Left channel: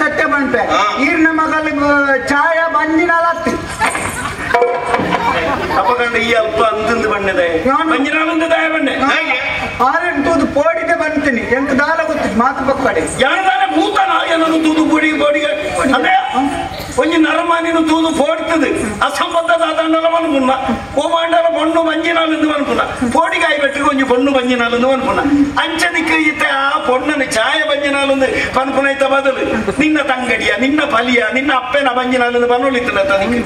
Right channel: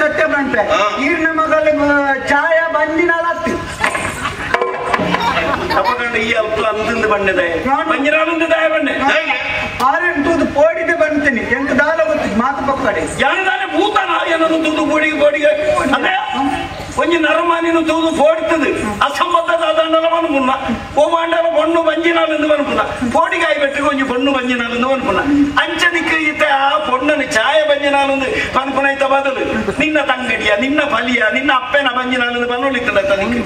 ಸತ್ಯ ಬಂಪೆ ಈರ್ನ ಮಗಲ ಚಾಯ ಬಂಜಿನಲತ್ತಿ ಅಪಗಂಡ ಈ ಅಪ್ಪ ಅಂತಂದು ಬಣ್ಣದೆ ಬಂಜಿನಾಲಂದು ದಾಯ ಬಣ್ಣೆ ಆರೆಂಟು ಪೋಡಿಗೆ ಬಂತೀನಿ ಎಂಟು ದಾಲ ಗೊತ್ತಿತ್ತು ಮಾತು ಪಕ್ಕಡೆ ಯಾರದಾನೆ ಭೂತನ ಏನನ್ನು ತೂದು ಪೋಡಿಗೆ ಅಂದ್ರೆ ಒಂಜಿ ನರಮಾನಿನ ತೂದು ಪೋಡ್ತದೆ ಅಸಂಬದ್ಧದ ದಂಡಲವನು ಮುನ್ನ ಓಮಾಂಡಲ ಬಣ್ಣು ಬಂಜಿನಾಲೆಂದು ಅನ್ಪುನ ಪೋಡಿಗೆ ಆಯ್ಬಿಟ್ಟು ಒಂಜಿ ಬಣ್ಣು ಬಂಜಿನಾಲೆಂದು ಅನ್ಪುನ ಅಂಚದಿಕ್ಕೆ ಈತ ಆ ಪೊಣ್ಣನ ಛಾಯ ಬಂಜಿನಾಲೆಂದು ಪನ್ಪುನ ಇತ್ತ ಬದಲು ನಿನ್ನ ತಂಗಡಿಯ ನಿನ್ನ ಫಲಿಯ ನಿನ್ನ ಅಪ್ಪನ ಬಂಜಿನಾಲೆಂದು ಬನ್ನೊಳಿತದ ತನಗೆ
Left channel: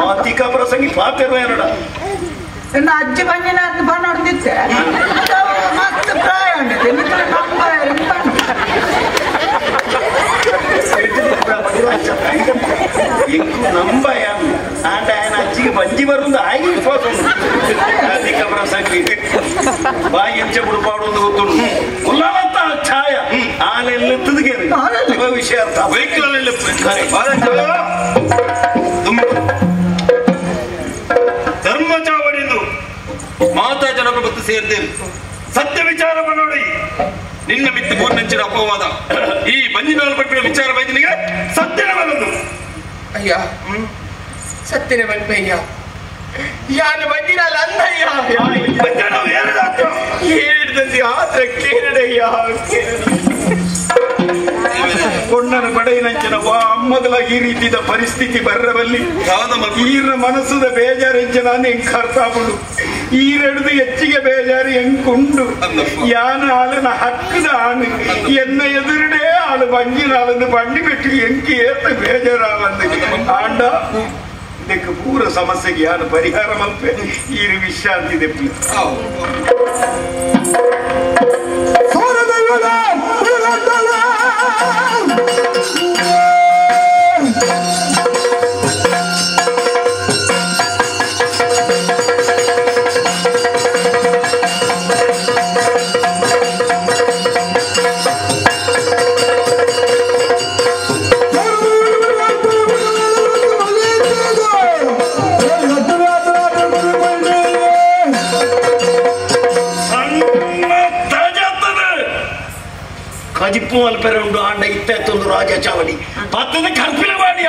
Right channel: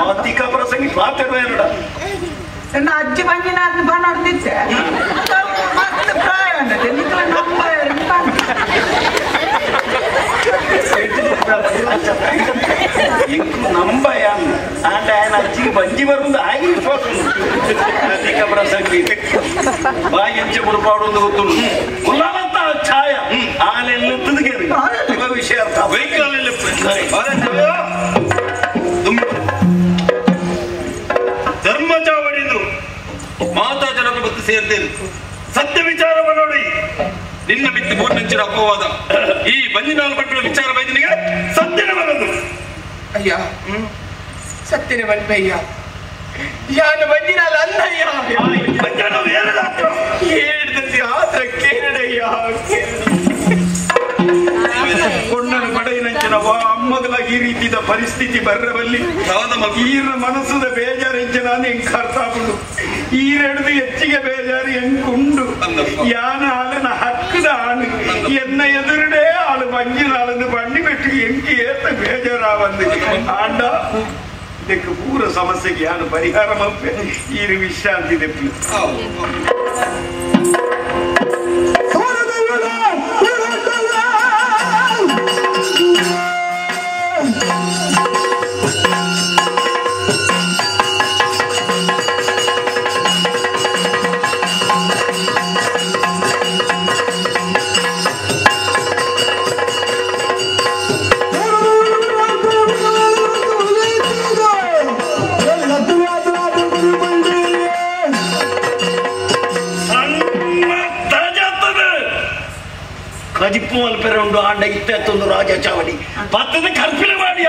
ಮಾತಿಕ ಪ್ರಸಂಗಿ ಪಾತ್ರ ಏನಡ ನನ್ನ ಅಜ್ಜಿ ಬಂಜಿನಾಥ ಬನ್ನೊಡ್ತಿದ್ದೆ ಪ್ರಾಯ ನಂಬಯ ಆಂಡ ఆయన అచ్చికి మంచి వరుంది ఆగిపోతుంది అధిక ప్రసంగి బాగా ఎంచప్పుడు పాడుంది గుర్తుడు ఉల్లవంత ఛాయ ఆలెల్లెత్తుదిగే విషయార్థ వైకాలెల్లి ಧರ್ಮ ಚಾವಡಿಂದು ಮಾತಾ ಜನಕ ಬತ್ತು ಸೇರ್ತೇವೆ ಸತ್ಯ ವಿಚಾರ ನೋಡಿ ನಿನ್ನ ಮಿತ್ತಿ ಮೂರ್ನೆಂಚಿನ ಅಪವಾದ ಈ ಬಂಜಿನಾಲ್ ಪಟ್ಟಿನ ವಿಚಾರ ಬೈದನಿಗೆ ಸತ್ಯನ ಬಂದು ಅಯ್ಯ ಸತ್ಯನ ಬಂದಯ್ಯ ಯಾನ ಬಂಜಿನಾಲ್ ಅಂದಯ್ಯ ಹೇಳಿದಂತೆ ಆತ್ರ ಕೇಳಯ್ಯ ಕೊಣ್ಣನ ಪಡೆಯಿನಂಚಿನ ಅಮ್ಮಗಲಾಗಿ ಈ ರೀತಿಯ ಪರಿಸ್ಥಿತಿ ಬರ್ರವಲ್ಲಿ ಈರ ಮನಸ್ಸುದ ಬೇಜಾರಿಂಚಿನ ಹೆಂಗ್ ಕರ್ತಾಪುಡು ಈರೆಡ್ದು ಹೆಚ್ಚಿಗೆ ಬೇಜಾರು ಹೆಂಗುಂಡು ಯಾನ ಆಲನ ಹಕ್ಕದ ಆಣು ಎನ್ನ ಎದುರುಡೇ ಆಳು ಬಂಜಿನಾಳನ್ನು ಬಂಡಿ ಬಿಟ್ಟು ಎಂಕಿ ಏತ ಬೇಜಾರಾವಂದು ಆಂಡ ಇದಕ್ಕೆ ಪೂರ ಸಮಸ್ಯೆಗೆ ಯಾನು ಪರಿಹಾರ ಮಲ್ಪೆ ಈರು ವಿಶ್ರಾಂತಿ ಇದಕ್ಕೆ ಕಜಿಪ್ಪು ಅಲ್ಪೆರ ಉಂಡು ಆಂಡ ಇತ್ತ ರಾಜ ಚಾವಡಿ ಪತ್ತದ ಕರ್ಪಿಲ ಮಾಡಿ